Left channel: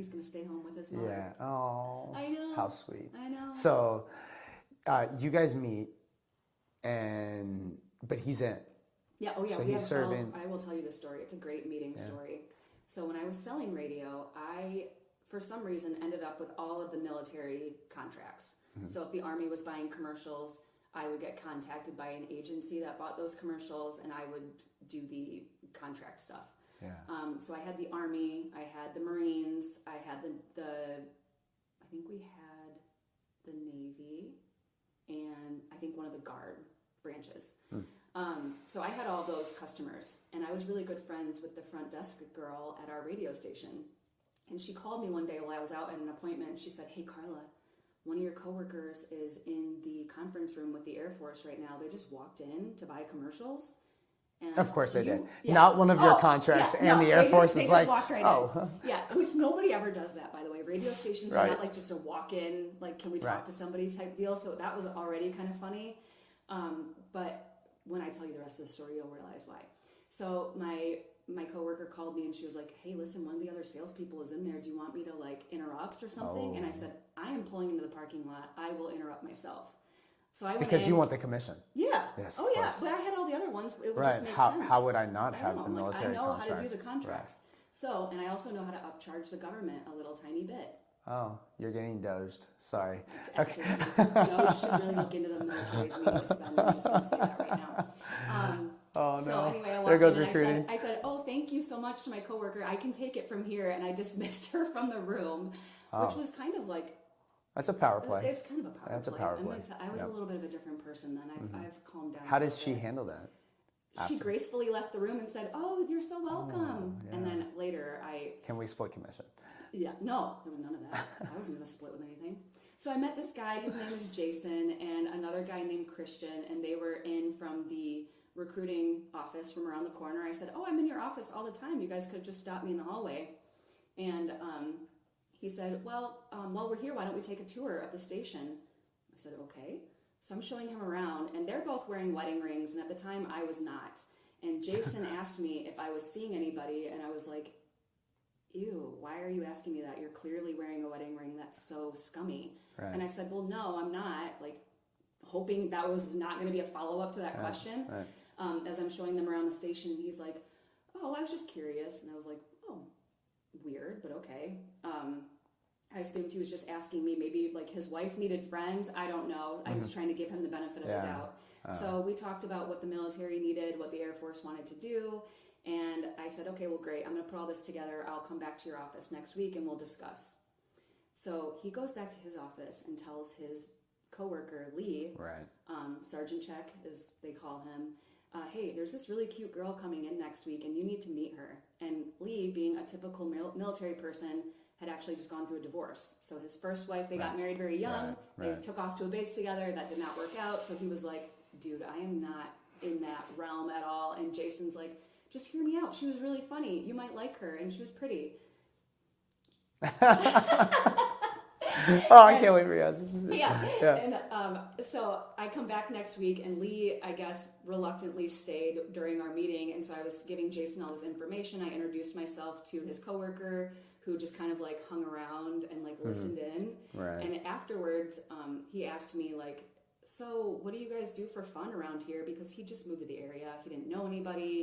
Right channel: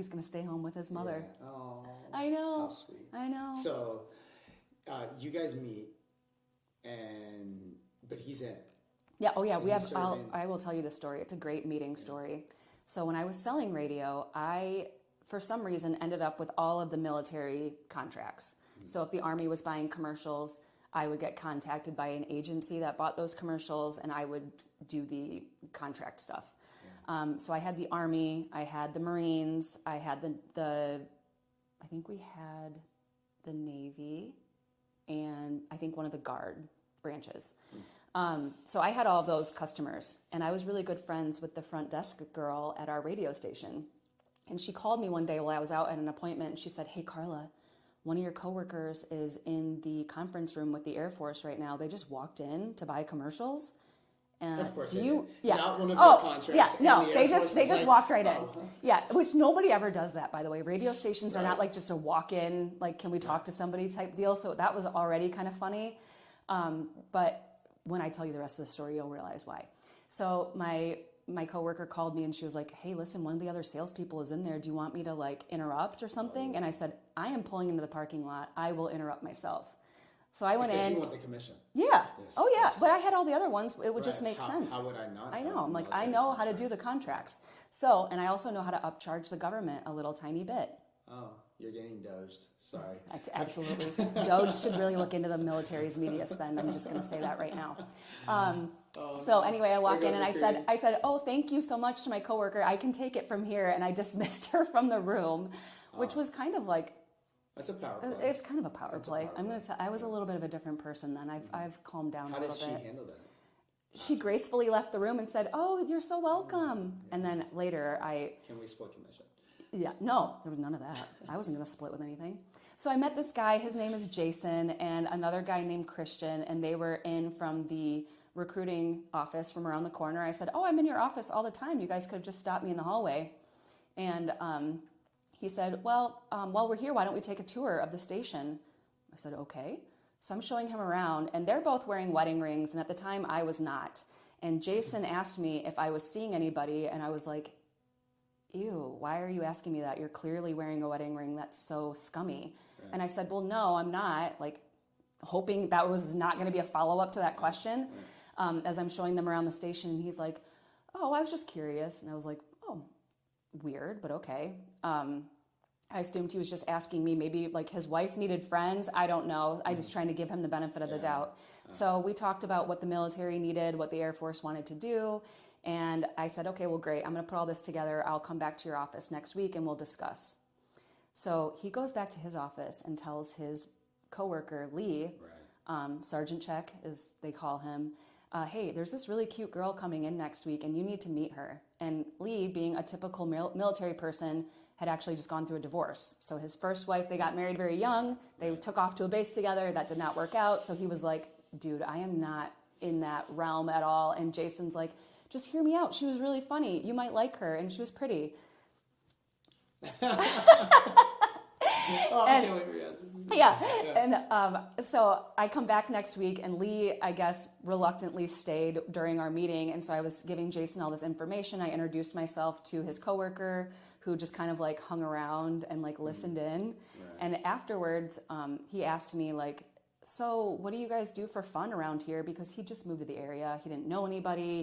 He's going to stay home with his mother. Yeah. Oh. I know. How sweet. I know. So, you guys meet, but he's in. Yeah. Oh, yeah. So I will tell you this story. It's a great meeting story. So when I was selling radio, I, for some reason, ended up with all of the military contracts. Mm-hmm. So if the Army was buying commercials, I would get contacted by an agency that bought those commercials, and I would do the contract stuff. Yeah. So I had the Army, I had the Marines, I had I think we had the Navy, and I think one of the Guard branches. So I had all of those customers, and I was really good friends with the front desk girl at our radio station. And she called me one day while I was out at an appointment, and she said, "Hey, Carla, one of your coworkers is in the conference room with the Air Force right now. They just walked in to buy commercials." And of course they did. Yeah. Not one of your contracts, and the Air Force is like, they just walked right in. Yeah, which nobody ever does that, by the way. Radio stations are not like just a walk-in, like, can we talk to somebody type deal. So that was already kind of funny. But when I tell you the rest of the story, you'll realize why. So my coworker called me and she was like, "Hey, listen, one of the other salespeople is in there. Do you want me to like interrupt or something?" And I said, "I am pulling into the parking lot. I will interrupt myself." So I went in. Because you want the commission. Yeah. Yes, oh yeah. But I had all the other ones. It would just make sense. How would I not have the military contract? I know how to do the contracts. Right. So, and I also know how to upcharge the government a little tiny bit. Oh, you're getting doged. Sorry. Absolutely. Doge should really look into the military's media spend. I'm just going to say that right now. So anyway, I walked in and I said, "Oh, thank you so much to my coworker. I can take it from here." And I dismissed her from the room, which was kind of like... That's a power play. It's kind of a power play. I was a little bit of a different person then. I've calmed down. How did she handle that? She gracefully left the room and said, "Oh, you're so welcome." And then later Can we split commission? Yeah, no, there was none of that. I wasn't going to split with anything. So I met this guy, his name is Jason, and another guy named Christian, and they were in from the recruiting office from around the corner. I said, "Oh, I'm in your office all the time. You guys could have just stopped me in the hallway." And he said, "Well, while we're here, why don't we take a tour of the station?" I said, "Okay." So I'm showing him around, and they're both wearing wedding rings, and at the time I was not. And Jason asked me if I was seeing anybody, and I was like, "Ew, why are you asking me that? You're clearly wearing a wedding ring. That's so scummy." Right. And I said, "Well, no, I'm not," like hoping that was not going to be a follow-up to that question. Right. As I'm showing them around the station, he's like, "Oh, I was just curious." And I was like, "Oh, weird, but okay." I assumed he was just asking me, maybe like his wife needed friends. I don't know. I was trying to give him the benefit of the doubt. So we talked about what the military needed, what the Air Force wanted to do. And I said, "Okay, well, great. I'm going to put all this together. I'll come back to your office next week and we'll discuss." So he goes back to his office and tells his coworker, Lee, Sergeant Check, as they call him, "Hey, there's this really cute girl coming in next week and you need to meet her." And Lee, being a typical military person, had actually just gone through a divorce. So his first wife, they got married very young. They took off to a base together. That did not work out. So he was like, "Dude, I am not in that realm at all." And Jason's like, "Just hear me out. She was really funny. You might like her. And she was pretty." I can't wait for you. Yeah. And so I come back next week, and Lee, I guess, reluctantly stayed during our meeting. And so I was giving Jason all this information. I introduced myself to his coworker, who just kind of like hung around and like listened in. Right. And afterwards, he asked me like, "So what do you guys do for fun around here?" Because he just moved to the area. He didn't know anybody.